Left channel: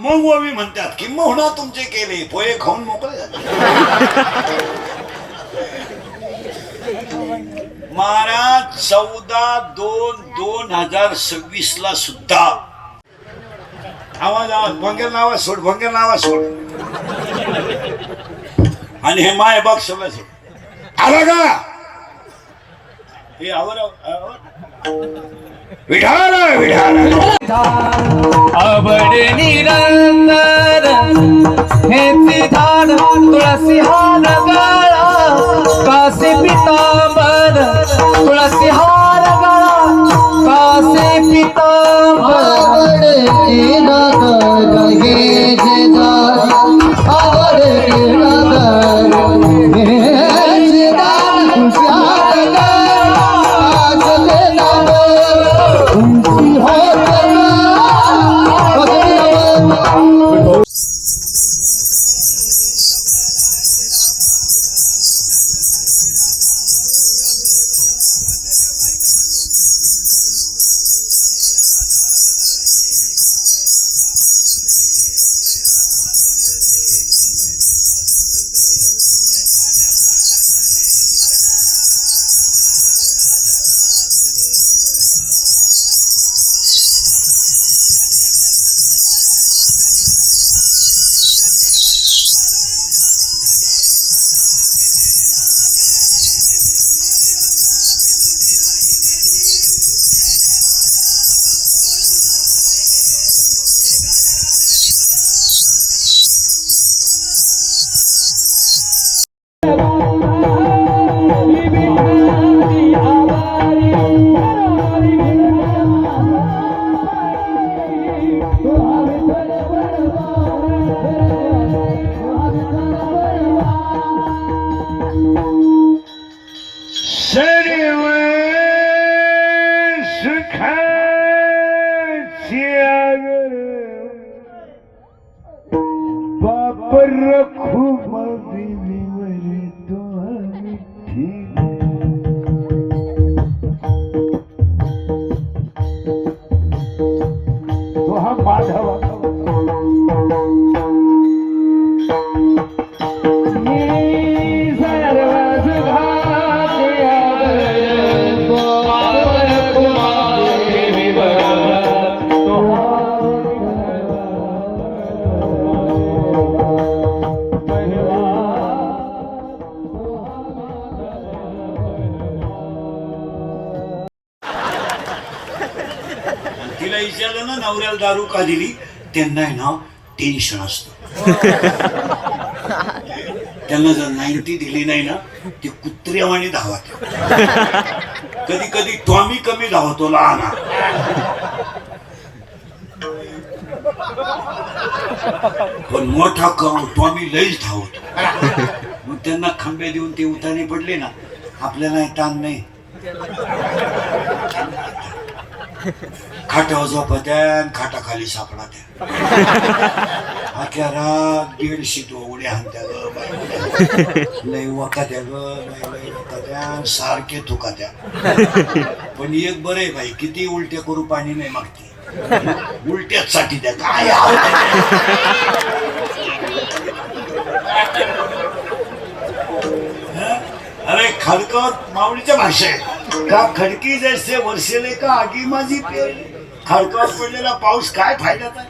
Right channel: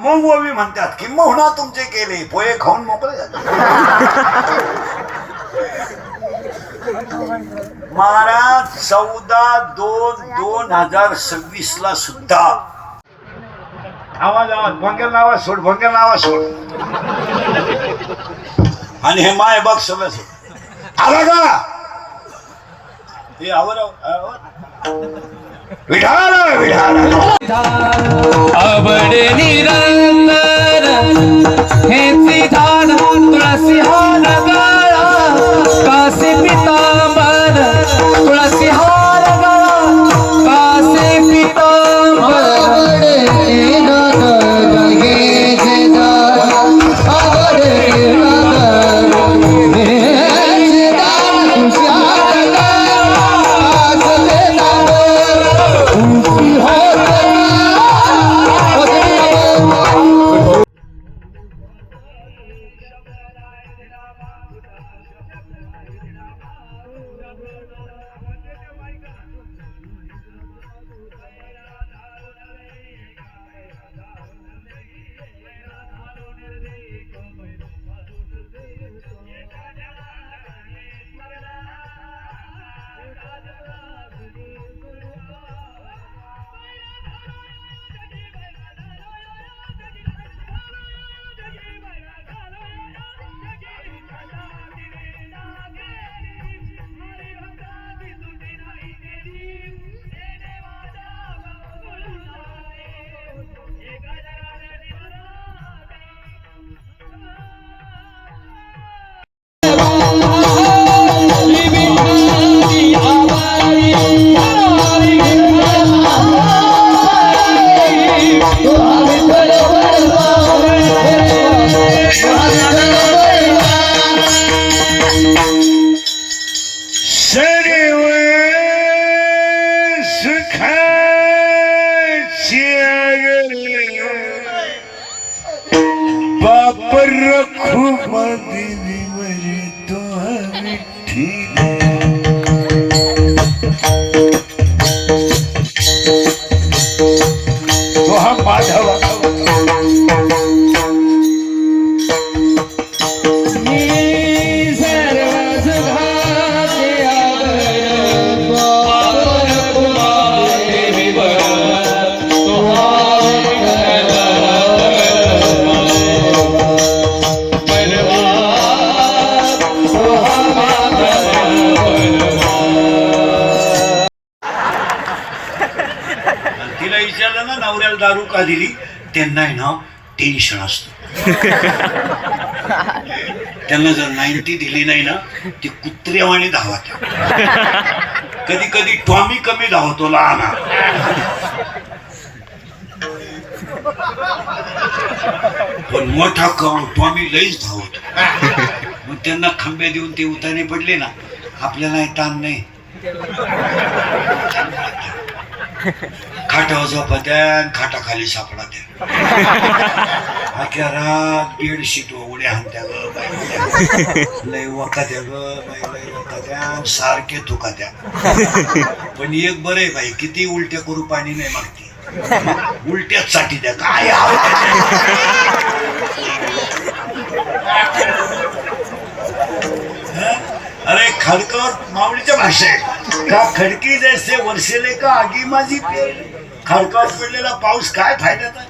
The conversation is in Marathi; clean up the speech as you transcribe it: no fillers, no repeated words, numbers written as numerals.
मग ओवी म्हणतात किंबहुना तुमचे केले पोहे खाऊन मोकळे झाले. महाराज 14/2/2026 ला सुद्धा आवाज भंगेल नावा सोड, भंगेल नावा सोड. आणि हे माय बघ सगळं सोड आला का हे आवर विढाल विढाल आवड निरंतर हेची झाड तुळसी हार गळा कासे पितांबर तुळसी हार गळा कासे पितांबर तिला विचारलं ना नवऱ्याला दारू का दिली त्यांना नाव टेन्शन असतं. त्यांना जर 90 दिली नाही ना ती कुत्र्यावाणी धावत. कधी कधी टॉमी कमी धावतो लहान पण मोठा टॉमी लईच धावतो. मग त्यांना खंबे देऊन ते उताने पडले ना आपल्याला ताण नाही. खाटावर झोपत्या खाटाखाली सापडा त्या अख्या रात बेडशीट उड्या हाणत्या ग बाई लय वकात्या ग बाई लय वकात्या सारखे थुकात्या. पण एक बरं आहे बाई किती उलट्या करू पाणी नाही मागते उलट्याच साठी द्या काय. अरे खडकर माऊलीच्या भाषेत का खडकी जैसे वर्षेले का आगी माझी पेरली. खडकावर पडलेला पाऊस काय फायद्याचा.